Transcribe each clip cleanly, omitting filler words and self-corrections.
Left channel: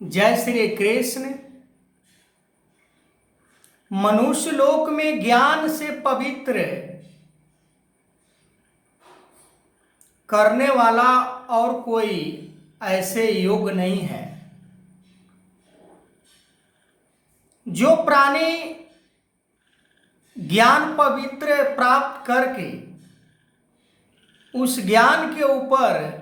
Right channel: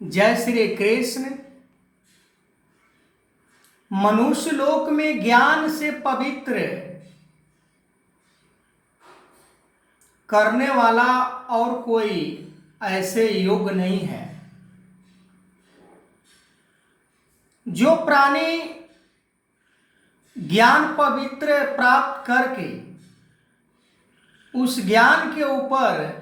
जय श्री कृष्ण। मनुष्य लोक में ज्ञान से पवित्र करने वाला और कोई ऐसे योग नहीं है। जो प्राणी ज्ञान पवित्र प्राप्त करके उस ज्ञान के ऊपर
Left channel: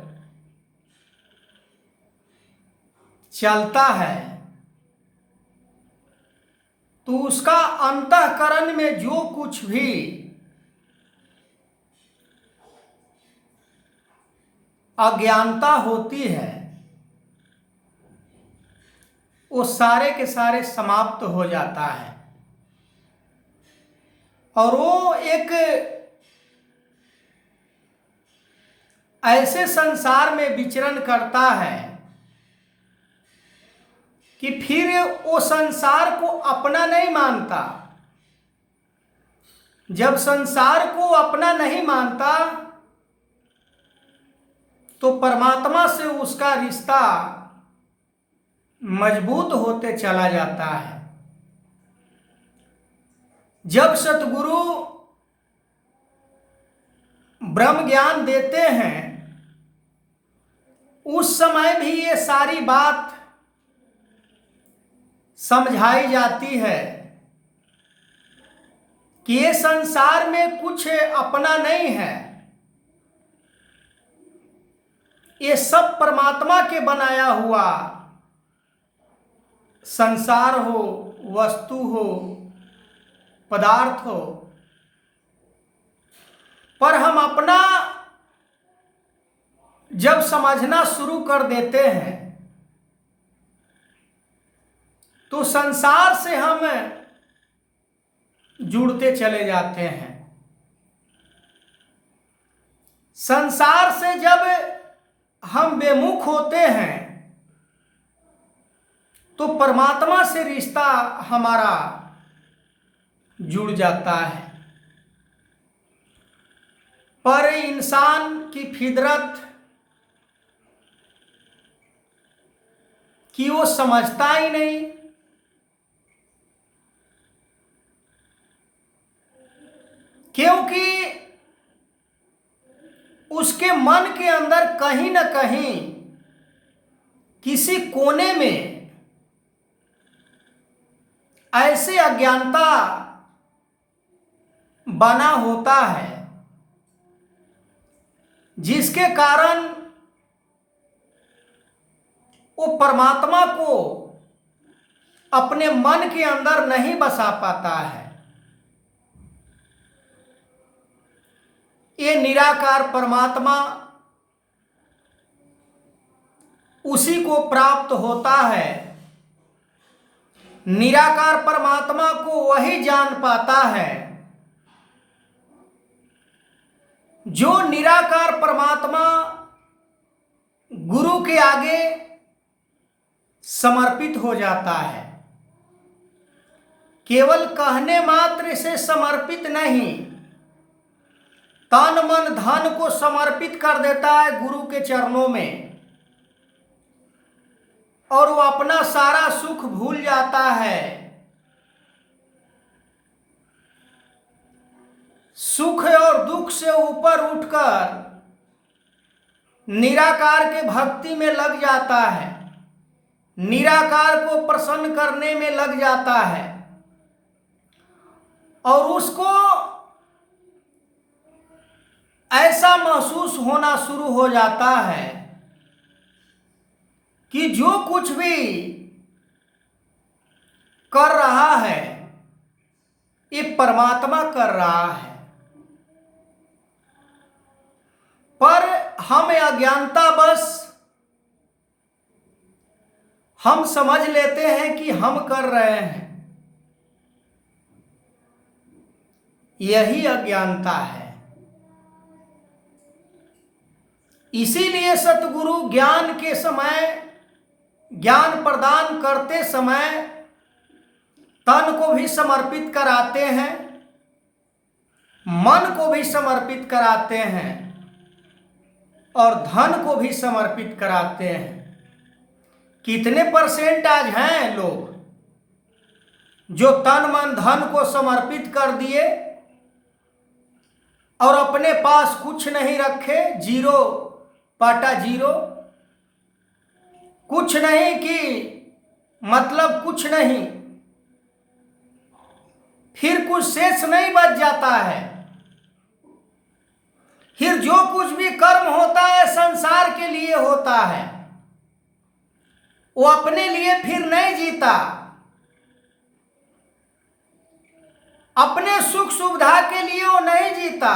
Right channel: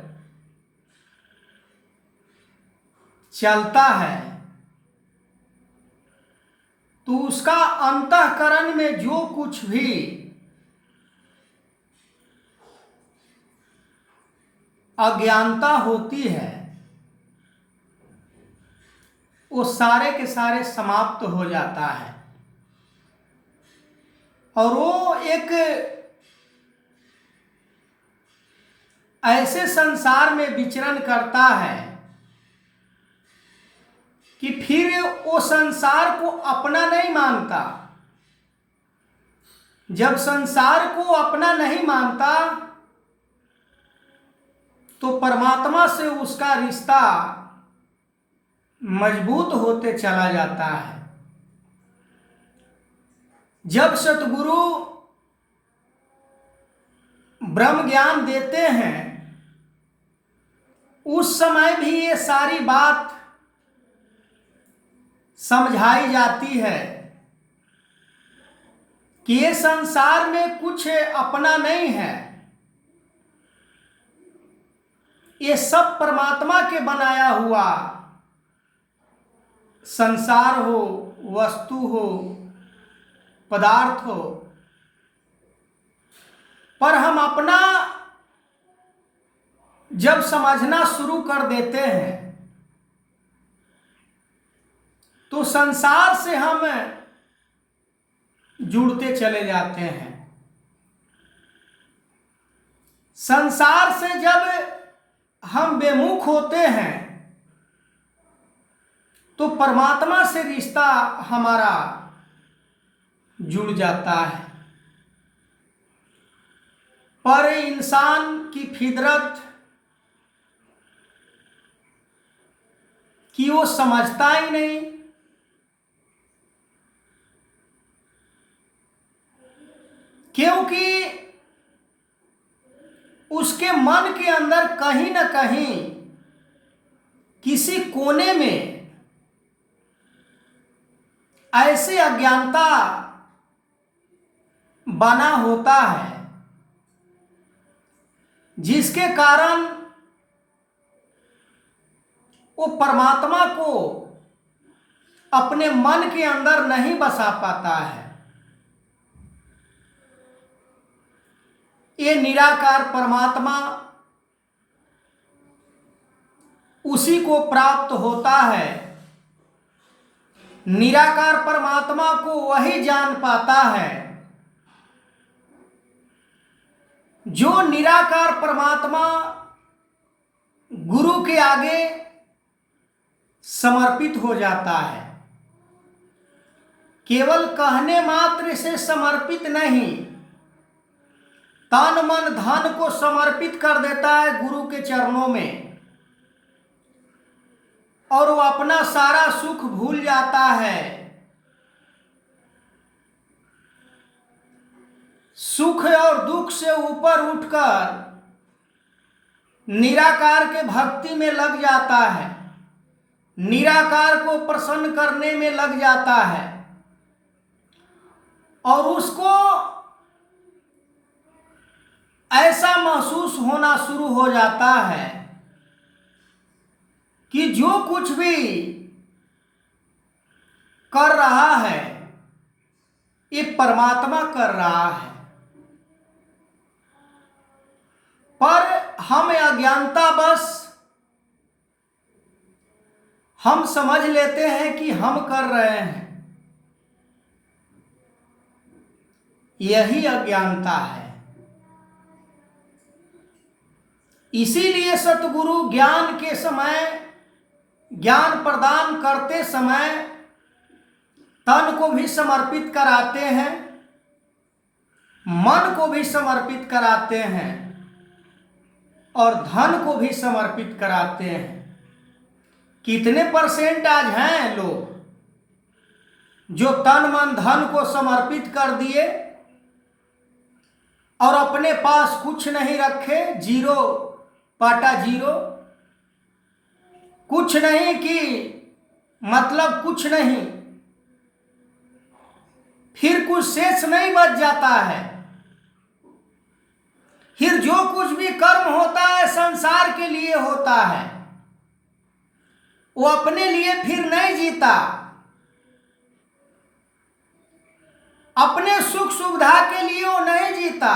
चलता है तो उसका अंतःकरण में जो कुछ भी अज्ञानता होती है वो सारे के सारे समाप्त हो जाता है और वो एक ऐसे संसार में विचरण करता है कि फिर वो संसार को अपना नहीं मानता। जब संसार को अपना नहीं मानता तो परमात्मा से उसका रिश्ता मजबूत होते चला जाता है। जब सतगुरु ब्रह्म ज्ञान देते हैं उस समय भी ये सारी बात समझाई जाती है कि ये संसार में कुछ अपना नहीं है, ये सब परमात्मा के बनाया हुआ संसार हो, वस्तु हो, पदार्थ हो, पर हम अपना जब समझना शुरू कर देते हैं तो संसार से हम जुड़ते चले जाते हैं। संसार से जब हम बेमुख होते हैं तो परमात्मा से रिश्ता हमारा जुड़ जाता है। पर इंसान की फितरत कि वो समझता ही नहीं। क्योंकि उसके मन के अंदर कहीं न कहीं किसी कोने में ऐसी अज्ञानता बना होता है जिसके कारण वो परमात्मा को अपने मन के अंदर नहीं बसा पाता है। ये निराकार परमात्मा उसी को प्राप्त होता है। निराकार परमात्मा को वही जान पाता है जो निराकार परमात्मा गुरु के आगे समर्पित हो जाता है। केवल कहने मात्र से समर्पित नहीं, तन मन धन को समर्पित कर देता है गुरु के चरणों में और वो अपना सारा सुख भूल जाता है। सुख और दुख से ऊपर उठकर निराकार के भक्ति में लग जाता है, निराकार को प्रसन्न करने में लग जाता है और उसको ऐसा महसूस होना शुरू हो जाता है कि जो कुछ भी कर रहा है ये परमात्मा कर रहा है। पर हम अज्ञानता बस हम समझ लेते हैं कि हम कर रहे हैं, यही अज्ञानता है। इसीलिए सतगुरु ज्ञान के समय, ज्ञान प्रदान करते समय तन को भी समर्पित कराते हैं, मन को भी समर्पित कराते हैं और धन को भी समर्पित कराते हैं। कितने परसेंट आज हैं लोग जो तन मन धन को समर्पित कर दिए और अपने पास कुछ नहीं रखे, जीरो पाटा जीरो, कुछ नहीं कि मतलब कुछ नहीं, फिर कुछ शेष नहीं बच जाता है। फिर जो कुछ भी कर्म होता है संसार के लिए होता है, वो अपने लिए फिर नहीं जीता, अपने सुख सुविधा के लिए वो नहीं जीता,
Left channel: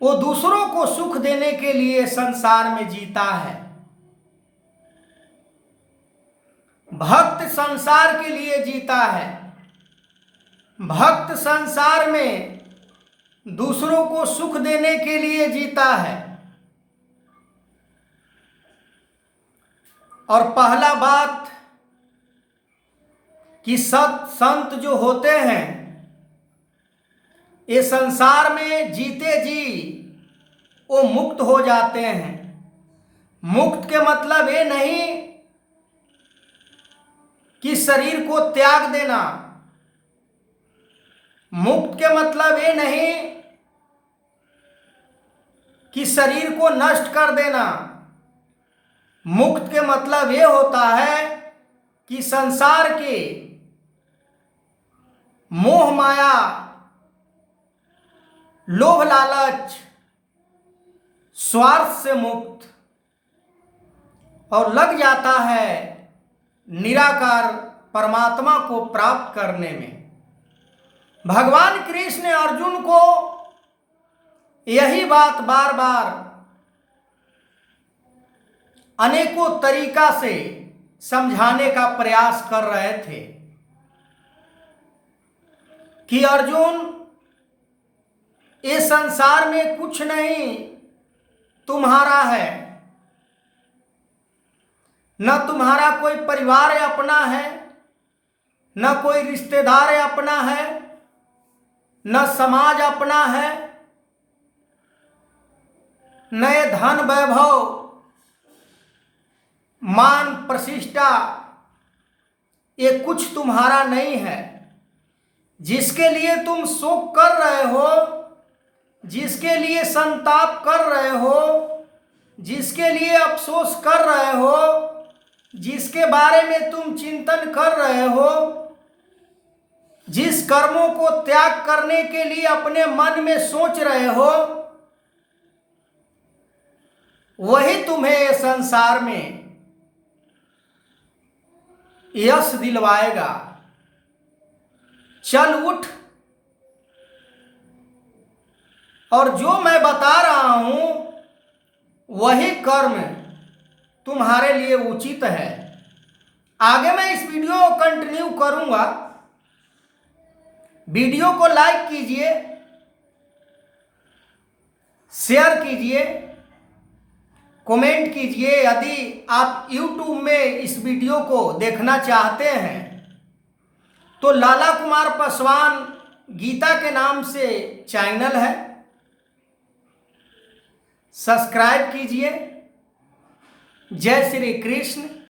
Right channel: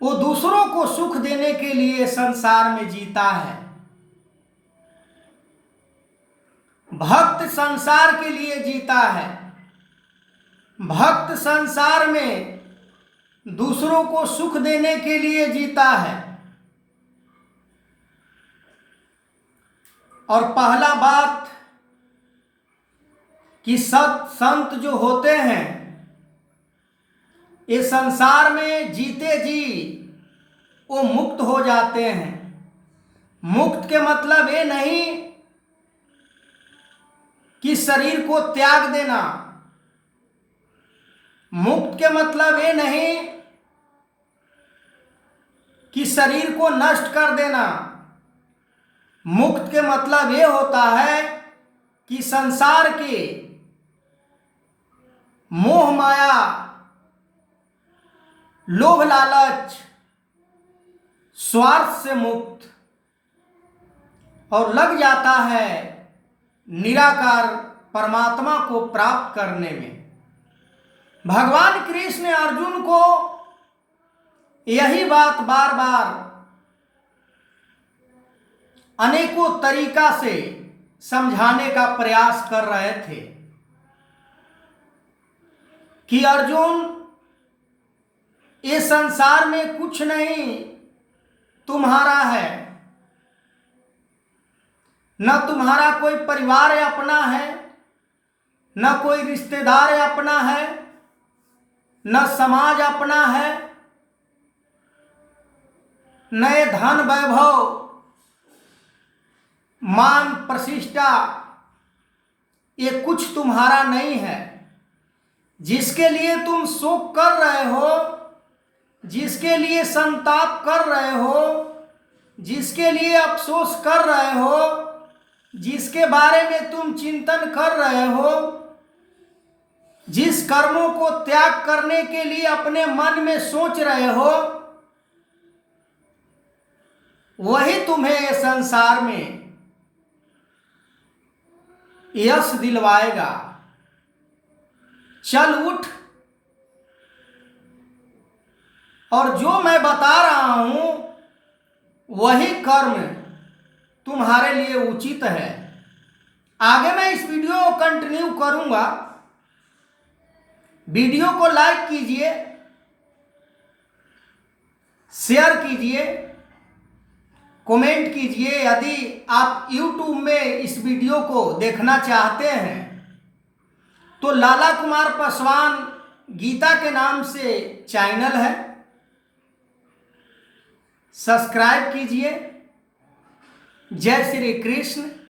वो दूसरों को सुख देने के लिए संसार में जीता है। भक्त संसार के लिए जीता है, भक्त संसार में दूसरों को सुख देने के लिए जीता है। और पहला बात कि सत संत जो होते हैं ये संसार में जीते जी वो मुक्त हो जाते हैं। मुक्त के मतलब ये नहीं कि शरीर को त्याग देना, मुक्त के मतलब ये नहीं कि शरीर को नष्ट कर देना। मुक्त के मतलब ये होता है कि संसार के मोह माया, लोभ लालच, स्वार्थ से मुक्त और लग जाता है निराकार परमात्मा को प्राप्त करने में। भगवान कृष्ण अर्जुन को यही बात बार बार अनेकों तरीका से समझाने का प्रयास कर रहे थे कि अर्जुन, ये संसार में कुछ नहीं तुम्हारा है, न तुम्हारा कोई परिवार अपना है, न कोई रिश्तेदार अपना है, न समाज अपना है, न ये धन वैभव मान प्रतिष्ठा ये कुछ तुम्हारा नहीं है। जिसके लिए तुम शोक कर रहे हो, जिसके लिए संताप कर रहे हो, जिसके लिए अफसोस कर रहे हो, जिसके बारे में तुम चिंतन कर रहे हो, जिस कर्मों को त्याग करने के लिए अपने मन में सोच रहे हो, वही तुम्हें संसार में यश दिलवाएगा। चल उठ और जो मैं बता रहा हूं वही कर्म तुम्हारे लिए उचित है। आगे मैं इस वीडियो को कंटिन्यू करूंगा। वीडियो को लाइक कीजिए, शेयर कीजिए, कमेंट कीजिए। यदि आप YouTube में इस वीडियो को देखना चाहते हैं तो लाला कुमार पासवान गीता के नाम से चैनल है, सब्सक्राइब कीजिए। जय श्री कृष्ण।